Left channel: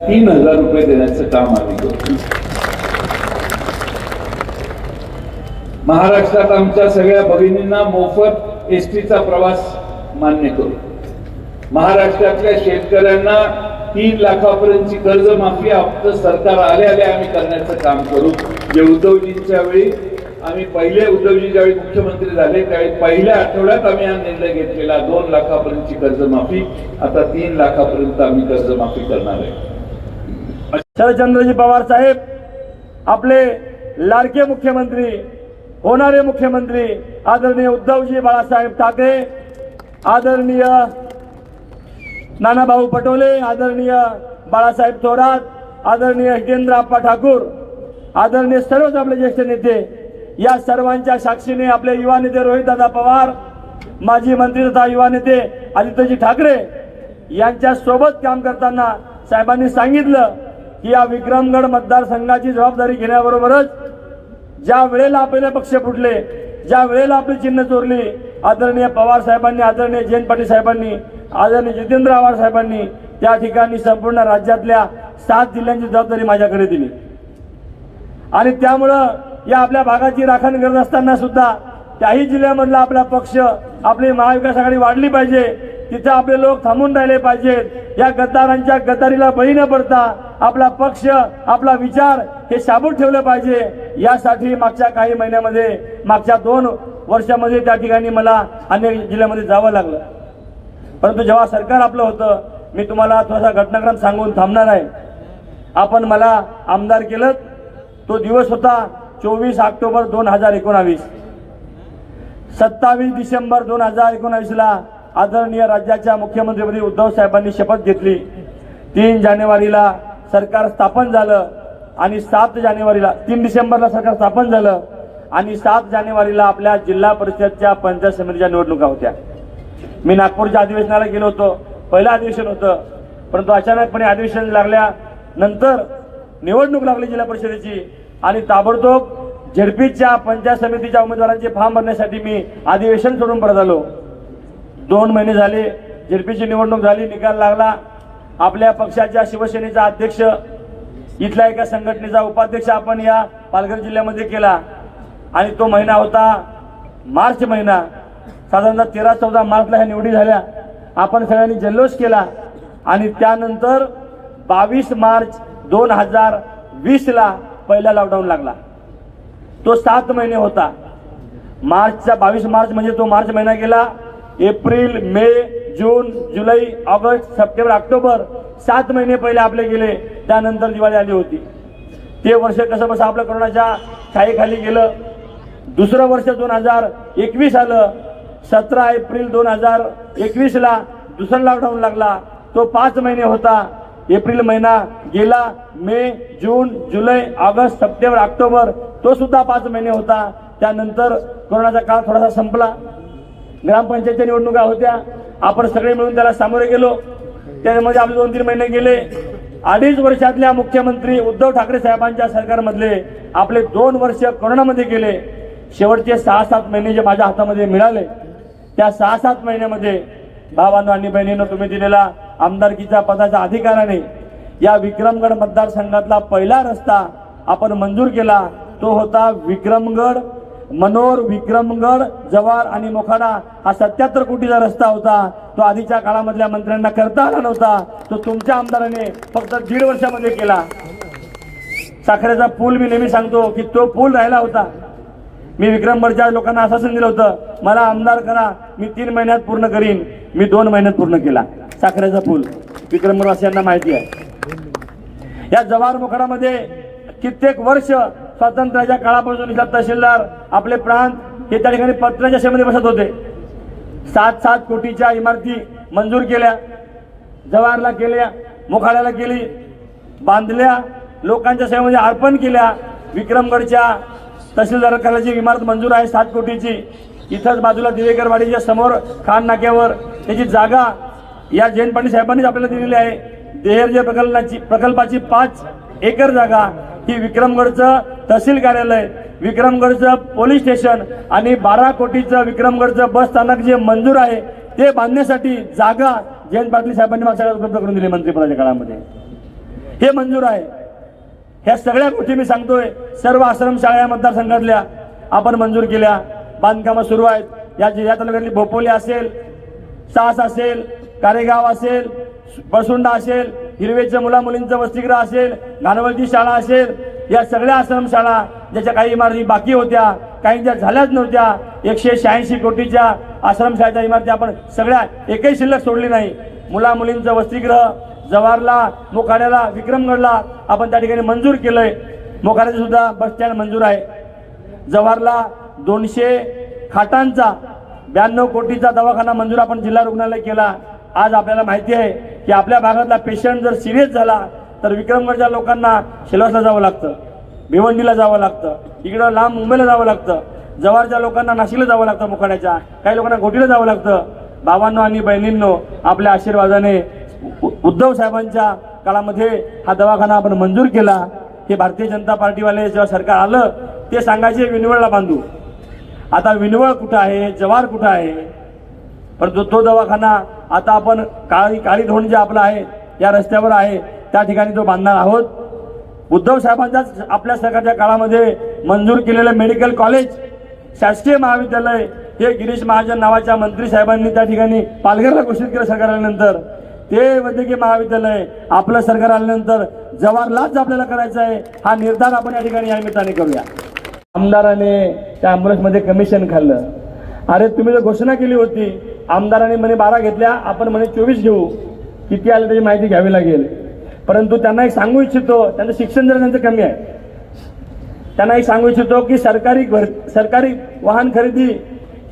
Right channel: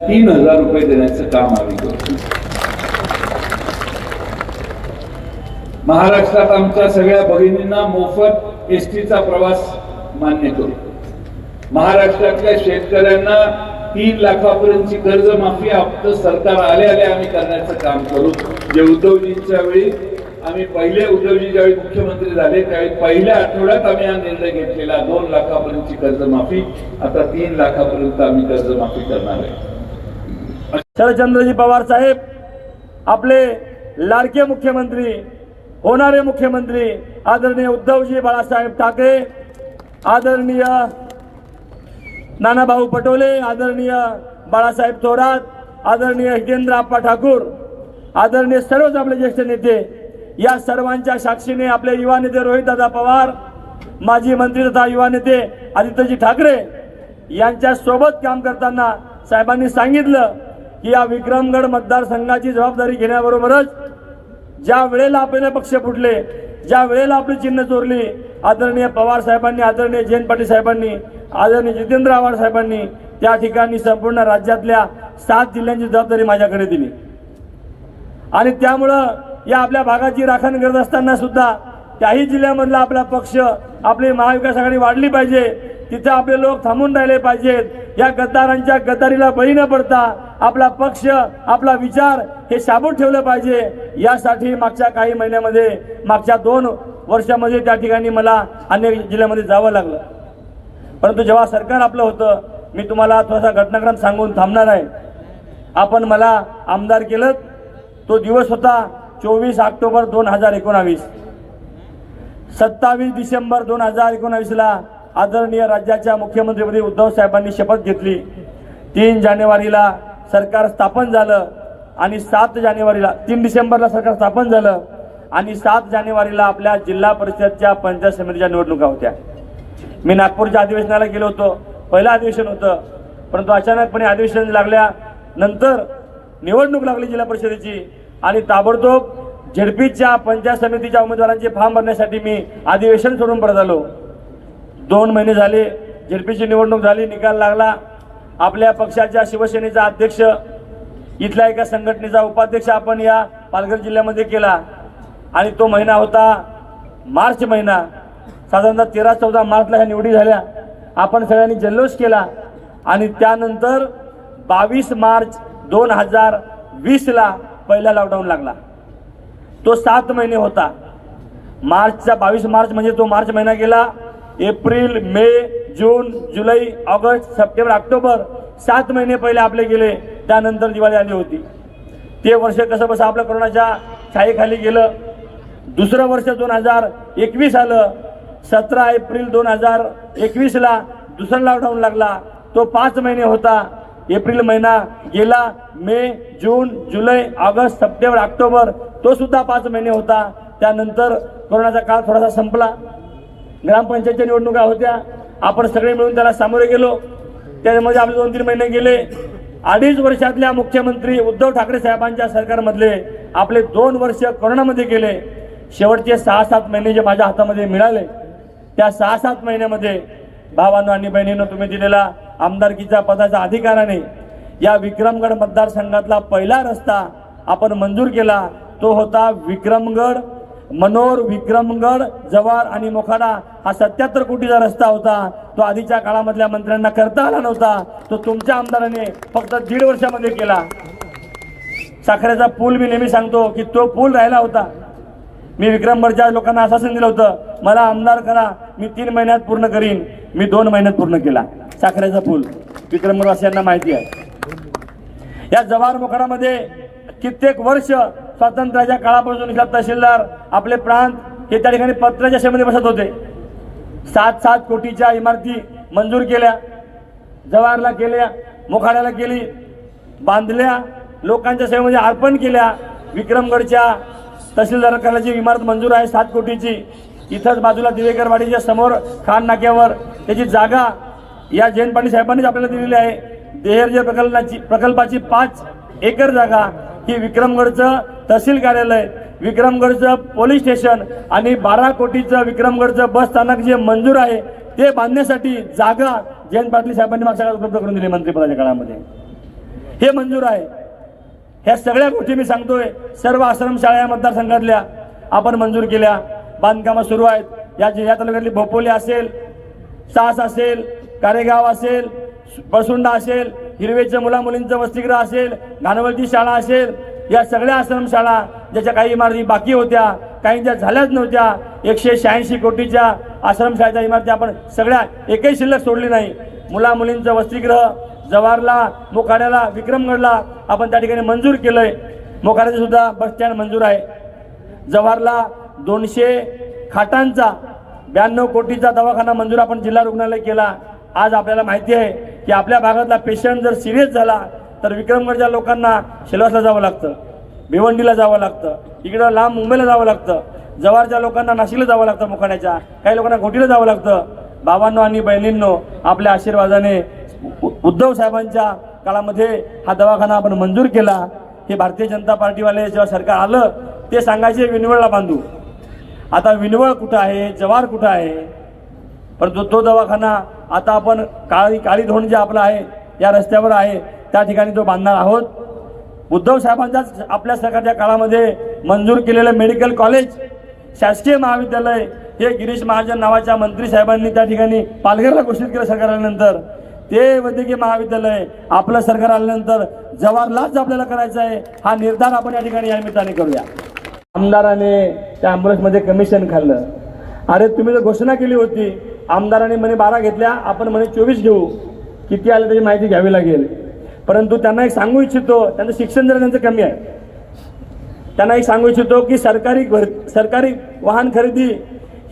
तीन हजार रुपये देण्याचं काम आम्ही करतो. महाराष्ट्रात आमच्या सगळ्या भगिनींना मोफत एसटीचा प्रवास मान्य करू. महाराष्ट्रातल्या शेतकऱ्यांना तीन लाखापर्यंतची कर्जमाफी आपलं सरकार आले आले आम्ही करण्याचं काम करू. जे उद्धवजींच्या वेळी आम्ही पहिले उद्धवजी ज्यावेळी मुख्यमंत्री झाले त्यावेळी पहिल्या आठवड्यात आम्ही हा निर्णय घेतलेला. दोन लाखापर्यंतची कर्जमाफी आता तीन लाखापर्यंत आम्ही कर्जमाफी करणार आहे. शरदचंद्रजी पवार साहेब आपले लाडके मुख्यमंत्री होणारे मुख्यमंत्री आदरणीय उद्धवजी बाळासाहेब ठाकरे आदरणीय नानाभाऊ पटोले आदरणीय बाळासाहेब थोरात आदरणीय हितेंद्र आप्पा ठाकूर आदरणीय सर्वच आपले ज्येष्ठ नेते या सर्वांच्या साक्षीने आपले युवा नेते रोहितदादा पवार माजी मंत्री तथा युवा नेते आदित्यजी ठाकरे यांच्या सोबत काम करताना साहेबांनी सांगितलं की या विक्रमगड मतदारसंघाची जबाबदारी घेण्याबरोबरच ज्या वेळेला आपले पक्ष फुटले ज्या वेळेला आपली चिन्ह चोरली आदरणीय पवार साहेबांनी आदरणीय जयंत पाटील साहेबांनी आदरणीय जितेंद्र आव्हाड साहेबांनी त्या ठिकाणी संपूर्ण राज्यातल्या सात जिल्ह्यांची जबाबदारी माझ्याकडे दिली. आणि त्यामुळं या आपल्या भागाची राखण करत असताना सुद्धा त्याही जिल्ह्यामधला आपला पक्ष आपली महाविकास आघाडी वाढली पाहिजे तिथे आपले लोक थांबून राहिले पाहिजेत या गद्दारांच्या गद्दारीला बळी न पडता आपला पक्ष आपला विचार हे शाबूत ठेवलं पाहिजे. यासाठी मागच्या काही महिन्यामध्ये मागच्या दोन वर्षामध्ये त्या ठिकाणी मला अन्य जिल्ह्यामध्ये जावं लागलं. परंतु जेव्हा सरकार आपलं होतं मी तुम्हाला थोडासा घटनाक्रम सांगून थांबणार आहे. आपण मला आमदार केलं. तो दिवस होता चोवीस ऑक्टोबर दोन हजार एकोणावीस. सत्तावीस डिसेंबर दोन हजार एकोणावीसला आदरणीय राज्याच्या मुख्यमंत्रीपदी उद्धव साहेबांनी शपथ घेतली. तीन जानेवारीला सरकार स्थापन झालं आणि सात जानेवारीला तीन डिसेंबरला सरकार स्थापन झालं आणि सात जानेवारीला आपल्या जिल्हा परिषदच्या पंचायत समितीच्या निवडणुका होत्या. मी नागपूरच्या अधिवेशनाला गेलो होतो. पहिलं अधिवेशन होतं. परंतु अचानकपणे अधिवेशन लागल्यानंतर निवडणूक लागली जिल्हा परिषदेची आणि ताबडतोब झेडपीच्या पंचायत समितीच्या उमेदवारांचे फॉर्म भरण्यासाठी मी अधिवेशन सोडून परत आलो. दोन महिने झाले झेडपीची निवडणूक झाली निकाल लागला. आपल्या पक्षाच्या शिवसेनेचा अध्यक्ष इथल्या एका संघटनेचा उपाध्यक्ष आपण या पालघर जिल्ह्यामध्ये केला. आणि तो महिना होता मार्च महिना. साधारणतः तेरा चौदा मार्चला ह्या निवडी झाल्या. आपण सगळ्यांनी जल्लोष केला. आणि त्यानंतर बावीस मार्च दोन हजार वीसला पहिला लॉकडाऊन लागला. तो सात महिने होता. मार्चचा बावीस मार्च म्हणजे तो मार्च महिना गेला. एप्रिल मे जून जुलै ऑगस्ट सप्टेंबर ऑक्टोबर सात महिने पहिले आपले गेले त्यानंतर दिवाळी आली होती. ते वर्ष कसं बसं आपलं कोरोनाच्या छायेखाली गेलं. दुसरं वर्ष दोन हजार एकवीस आलं. सतरा एप्रिल दोन हजार एकवीसला दुसरा लॉकडाऊन लागला. तो पाच महिने होता. एप्रिल महिना गेला. मे जून जुलै ऑगस्ट सप्टेंबर ऑक्टोबर तो सुद्धा पाच महिने होता. त्यानंतर कोरोनाचा काळ थोडासा संपला. ग्रामपंचायतच्या निवडणुका होत्या. आपण सगळे मिळून त्याला सामोरे गेलो. त्याच्यामध्ये आम्ही दोन तीन महिने गेले. अडीच वर्षातल्या मुख्यमंत्री उद्धव ठाकरे साहेबांच्या सरकारमधले आपले दोन वर्ष कोरोनामध्ये गेले. शेवटचे सहा सात महिने जे माझ्या हातामध्ये मिळाले त्या सहा सात महिन्यामध्ये भावांनो आणि बहिणीनं तुम्ही दिलेला आमदारकीच्या पदाच्या अधिकाराने या विक्रमगड मतदारसंघातला पहिला रस्ता आपण मंजूर केला तो होता विक्रमगड मनोर विक्रमगड जवार आणि मोखाडा हा सत्याहत्तर कोटीचा रस्ता होता. तो आधीच्या काळामधल्या मंत्र्यांना करता आला नव्हता. तो तुमच्या आमदाराने फक्त दीड वर्षामध्ये केला. साखरेचा पूल मी नेहमी सांगतो की तो पूल राहिला होता. मी विक्रमगडच्या लोकांना आश्वासन दिलं होतं मला आमदार करा मी तीन महिन्यात पूर्ण करीन. मी दोन महिन्यात पूर्ण केला. साखरेचा पूल. विक्रमगडवासियांना माहिती आहे. या जवार मोखाडामध्ये कित्येक वर्ष स्वातंत्र्याच्या काळापासून इथला तहसीलदार आपले प्रांत हे त्या ठिकाणी पत्राच्या सेवेमध्ये बसत होते. सात सात कोटीच्या इमारती मंजूर केल्या जवाहरला केल्या मोखाड्याला केली बांधल्या लोकांच्या सेवेमध्ये अर्पण केल्या. विक्रमगडच्या तहसीलदार कार्यालयाची इमारत मंजूर आहे सात कोटीची इथंच बाजूला दिवेकरवाडीच्या समोर खान नाक्यावर त्याची जागा या जयंत पाटील साहेबांनीच आपल्याला दिलेली आहे. देहर्ज प्रकल्पाची प्रकल्पाची पाच एकर जागा ही विक्रमगडचं तहसील कार्यालय विक्रमगडचं पोलीस स्टेशन आणि बारा कोटीचं विक्रमगडचं बस स्थानक जे मंजूर आहे ते बांधण्यासाठी जागा जयंत पाटील साहेबांनी मागच्या उपलब्ध करून दिली मंत्रिपदाच्या काळामध्ये. हे मंजूर आहे. ह्या सगळ्या गोष्टी मी सांगतोय. सर्व आश्रमशाळा या मतदारसंघातल्या आपण मंजूर केल्या. बांधकामं सुरू आहेत. या या तालुक्यातली भोपोली असेल सास असेल कारेगाव असेल बसुंडा असेल हिरवेचं मुला मुलींचं वसतिगृह असेल घाणवलची शाळा असेल या सगळ्या आश्रमशाळा ज्याच्या काही इमारती बाकी होत्या काही ज्या झाल्याच नव्हत्या एकशे शहाऐंशी कोटीच्या आश्रमशाळेच्या इमारती आपण सगळ्या एकही शिल्लक सोडली नाही. मुला मुलींचं वसतिगृह जवाहरला मोखाड्याला विक्रमगडला आपण त्या ठिकाणी मंजूर केलंय. मोखाड्याचं सुद्धा बस स्टँड मंजूर आहे. जवाहरला दोनशे खाटांचा ब्याण्णव कोटीचा दवाखाना मंजूर आपण जिल्हा रुग्णालय केला. आज आपल्याला माहिती आहे की आपल्या भागातला पेशंट जर सिरियस झाला तर विक्रमगडच्या लोकांना शेलवासला जावं लागतं भिवंडीला जावं लागतं इकडं लांब मुंबईला जावं लागतं जवारच्या लोकांना नाशिकला जावं लागतं मुखाड्याच्या काही लोकांना घोटीला जावं लागतं. बाबांनो आणि बहिणींनो आपल्या आशीर्वादाने उ- उद्धव साहेबांच्या काळामध्ये हा दवाखाना आपण मंजूर केला. हे भारतीय जनता पार्टीवाले जेव्हा सरकार आलं ते सांगायचे विनवळला बांधू. आता विनवळ कुठं आहे जवार कुठं आहे? परंतु तो दवाखाना आता आपण काळी काळी धोंड जे आपलं आहे या रस्त्यावर आहे त्या ठिकाणी तो बांधणार आहोत. उद्धव साहेबांच्याच आपल्या सरकारच्या काळामध्ये मंजूर केलेलं मेडिकल कॉलेज शासकीय महाविद्यालय हे गिरीश महाजन नावाच्या मंत्री साहेबांनी त्या ठिकाणी पालघरला घोषित केलं सरकार आल्यानंतर. ते वैद्यकीय महाविद्यालय आपलं सरकार आल्यानंतर जवाहरलाच आपल्याला करायचं आहे हा निर्धार आपण या ठिकाणी या निमित्ताने करूया. आमदाराने त्या ॲम्ब्युलन्समध्ये कमिशन खाल्लं. अरे तुम्ही जर घोषणा केली होती आमदाराने म्हणे बारा घेतल्या आपण म्हणे चोवीस घेऊ. किती आले त्याची माहिती घ्यावी लागेल. परंतु त्यांना एक सांगू इच्छितो त्यांचं शिक्षण जर त्यांचं कमी आहे. त्यांना एक सांगू इच्छितो की सरकारी भर सरकारी वाहन खरेदी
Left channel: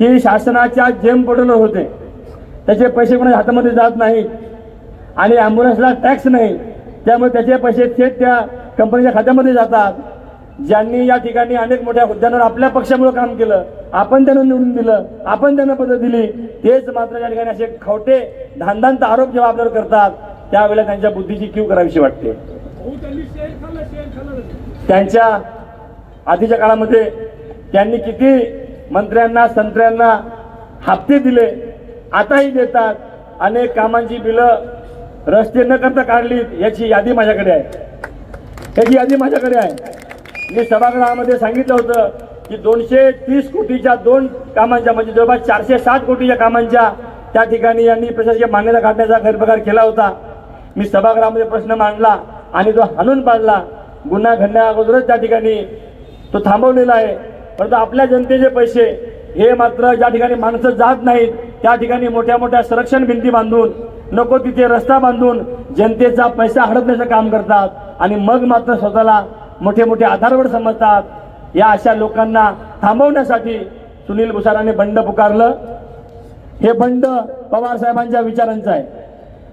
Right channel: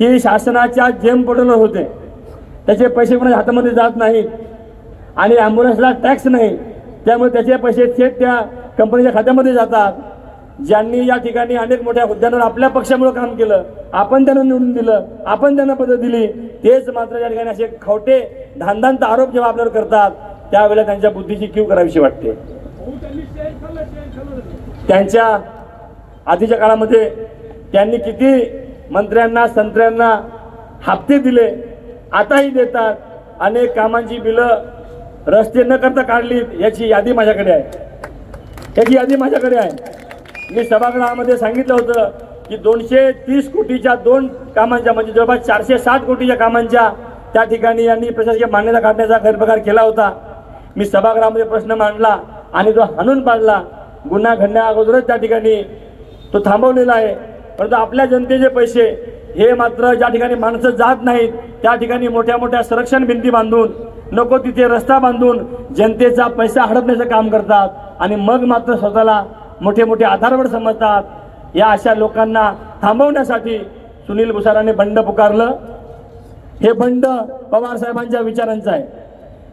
ही शासनाच्या जेम पोर्टलवर होते. त्याचे पैसे कोणाच्या हातामध्ये जात नाहीत आणि ॲम्ब्युलन्सला टॅक्स नाही. त्यामुळे त्याचे पैसे थेट त्या कंपनीच्या खात्यामध्ये जातात. ज्यांनी या ठिकाणी अनेक मोठ्या हुद्द्यांवर आपल्या पक्षामुळे काम केलं आपण त्यांना निवडून दिलं आपण त्यांना पदं दिली तेच मात्र या ठिकाणी असे खोटे धांदांत आरोप जेव्हा आपल्यावर करतात त्यावेळेला त्यांच्या बुद्धीची क्यू करावीशी वाटते. त्यांच्या आधीच्या काळामध्ये त्यांनी किती मंत्र्यांना संत्र्यांना हप्ते दिले आताही देतात. अनेक कामांची बिलं रस्ते न करता काढली याची यादी माझ्याकडे आहे. याची यादी माझ्याकडे आहे. मी सभागृहामध्ये सांगितलं होतं की दोनशे तीस कोटीच्या दोन कामांच्या म्हणजे जवळपास चारशे साठ कोटीच्या कामांच्या त्या ठिकाणी यांनी प्रशासकीय मान्यता काढण्याचा गैरप्रकार केला होता. मी सभागृहामध्ये प्रश्न मांडला आणि तो हाणून पाडला. गुन्हा घडण्या अगोदरच त्या ठिकाणी तो थांबवलेला आहे. परंतु आपल्या जनतेचे पैसे हे मात्र ज्या ठिकाणी माणसं जात नाहीत त्या ठिकाणी मोठ्या मोठ्या संरक्षण भिंती बांधून नको तिथे रस्ता बांधून जनतेचा पैसा हडपण्याचं काम करतात आणि मग मात्र स्वतःला मोठे मोठे आधारवर समजतात. या अशा लोकांना थांबवण्यासाठी सुनील भुसाराने बंड पुकारलं. हे बंड पवार साहेबांच्या विचारांचं आहे.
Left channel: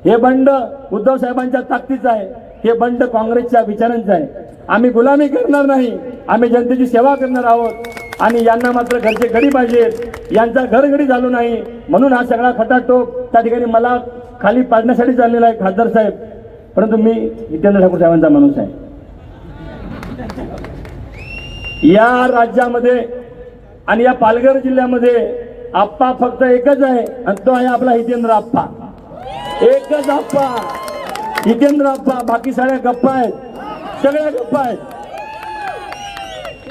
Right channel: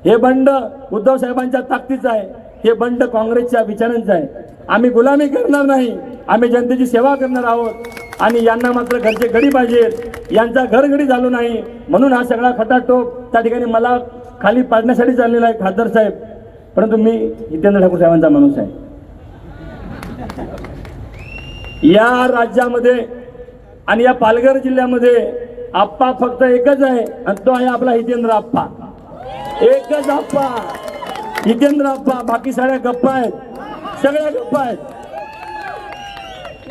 हे बंड उद्धव साहेबांच्या ताकदीचं आहे. हे बंड काँग्रेसच्या विचारांचं आहे. आम्ही गुलामी करणार नाही. आम्ही जनतेची सेवा करणार आहोत. आणि यांना मात्र घरचे घडी पाहिजे. यांचा घर घडी झालो नाही. म्हणून हा सगळा खटाटोप त्या ठिकाणी मला खाली पाडण्यासाठी चाललेला आहे खासदार साहेब. परंतु मी जितेंद्र ठाकूर साहेबांचा माणूस आहे. या राज्यामध्ये आणि या पालघर जिल्ह्यामध्ये आप्पा फक्त एकच आहे. आणि तो आहे आपला हितेंद्र आप्पा. एकच आप्पा. जितेंद्र आप्पा बाकी सगळ्या गप्पा आहेत. सगळ्या गप्पा आहेत.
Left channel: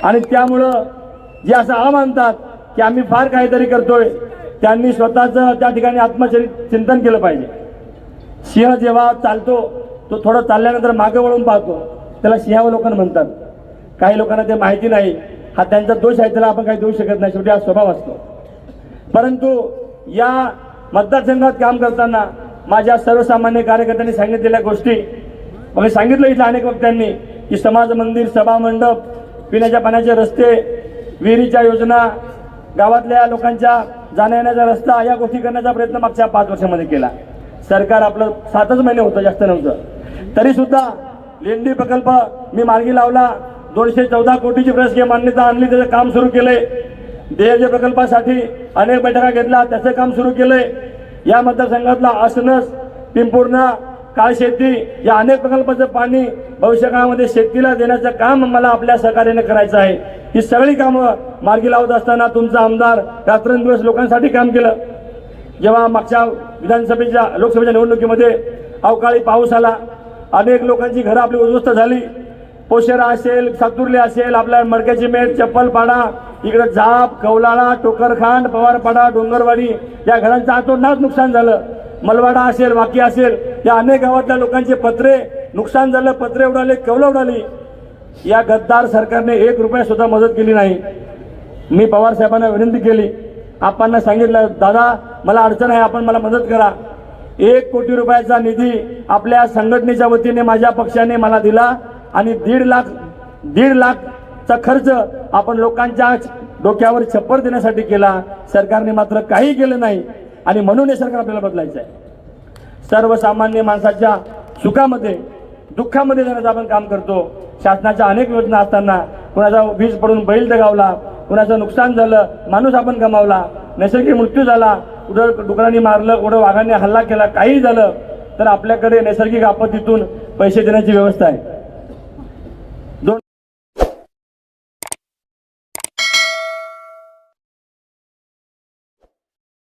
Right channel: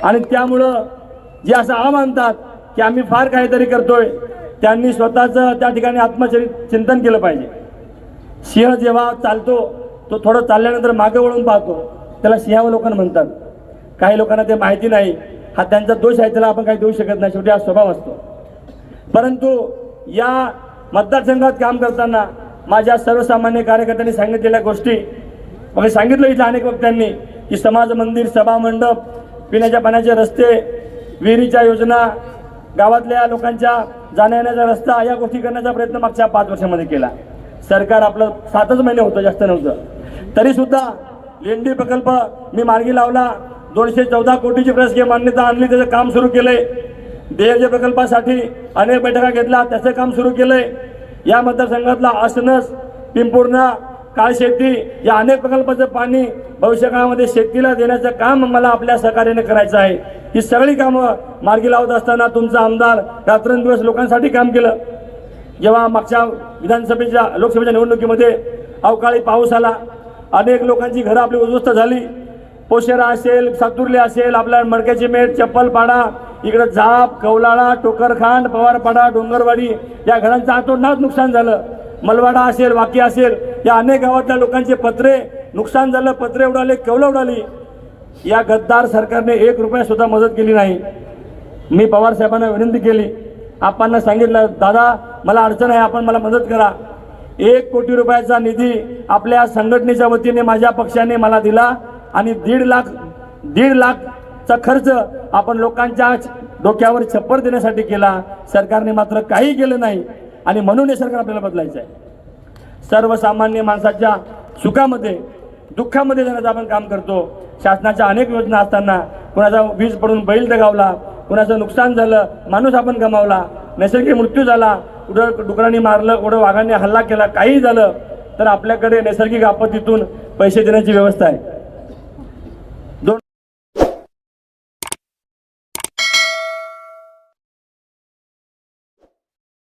आणि त्यामुळं जे असं आ मानतात की आम्ही फार काहीतरी करतोय त्यांनी स्वतःचं त्या ठिकाणी आत्मचरित चिंतन केलं पाहिजे. सिंह जेव्हा चालतो तो थोडं चालल्यानंतर मागे वळून पाहतो. त्याला सिंहावलोकन म्हणतात. काही लोकांना ते माहिती नाही. हा त्यांचा दोष आहे त्याला आपण काही देऊ शकत नाही. शेवटी हा स्वभाव असतो. परंतु या मतदारसंघात काम करताना माझ्या सर्वसामान्य कार्यकर्त्यांनी सांगितलेल्या गोष्टी. मग सांगितलं इथं अनेक वक्त्यांनी की समाज मंदिर सभा मंडप पिण्याच्या पाण्याचे रस्ते विहिरीच्या योजना गावातल्या लोकांच्या जाण्यायेण्याचा रस्ता या गोष्टी करण्याचा प्रयत्न मागच्या पाच वर्षामध्ये केला. सरकार आपलं सातच महिने होतं जास्त नव्हतं. तरी सुद्धा लेंडी प्रकल्प मी मार्गी लावला. दोनशे चौदा कोटीची प्रशासकीय मान्यता आणली त्याचं काम सुरू केले देयज प्रकल्पासाठी अनेक बैठका घेतला त्याचं काम सुरू केलंय. या मतदारसंघातला आसनस पिंपूर्णा काळशेती या अनेक प्रकल्पाचं पाणी भविष्य काळामध्ये शेतीला देण्याचं काम मला आपल्या सहकार्याने करायचं आहे. ही सगळी कामं मार्गी लावत असताना तुमचा आमदार रात्रंदिवस लोकांसाठी काम केलं. जेव्हा मागच्या विधानसभेच्या लोकसभेच्या निवडणुकीमध्ये अवकाळी पाऊस आला अनेक लोकांची घरं आपली उद्ध्वस्त झाली. पोशेरा असेल सातुर्ले असेल आपल्या मडक्याची मेट चप्पलपाडा इकडे जाप कौलाळा टोकरखांड पवारपाडा डोंगरवाडी या घरांचं आतोनात नुकसान झालं. मलवाडा असेल वाकी असेल या अनेक गावातल्या लोकांचे पत्रे नुकसान झालं पत्रे उडाले कौलं उडाली. या गद्दार सरकारने एक रुपया सुद्धा मदत केली नाही. मी पवार साहेबांना विनंती केली. आपण सांगितलं दादा मला अडचण आहे आपण मला मदत करा. एक कोटी रुपयाचा निधी आपल्या संघटनेच्या वतीने माझ्या पक्षाने मला दिला. आणि दीड लाख दीड लाखचा खर्च आपण लोकांच्या डोक्यावर छप्पर देण्यासाठी केला. सरकारने मात्र काही केलं नाही. आणि म्हणून हे सरकार आपल्याला बदलायचं आहे. सर्वसामान्य माणसाच्या सुखामध्ये दुःखामध्ये जाण्याचं आपण काम करतो शासनाच्या अनेक योजना असताना कुणाचा वीज पडून बैल दगावला कुणाचं नुकसान झालं माणूस आपण गमावला नैसर्गिक मृत्यू झाला कुठं डुकरांनी मारलं कुठं वाघांनी हल्ला केला काही झालं तर आपल्याकडे नैसर्गिक आपत्तीतून पैसे देण्याची व्यवस्था आहे.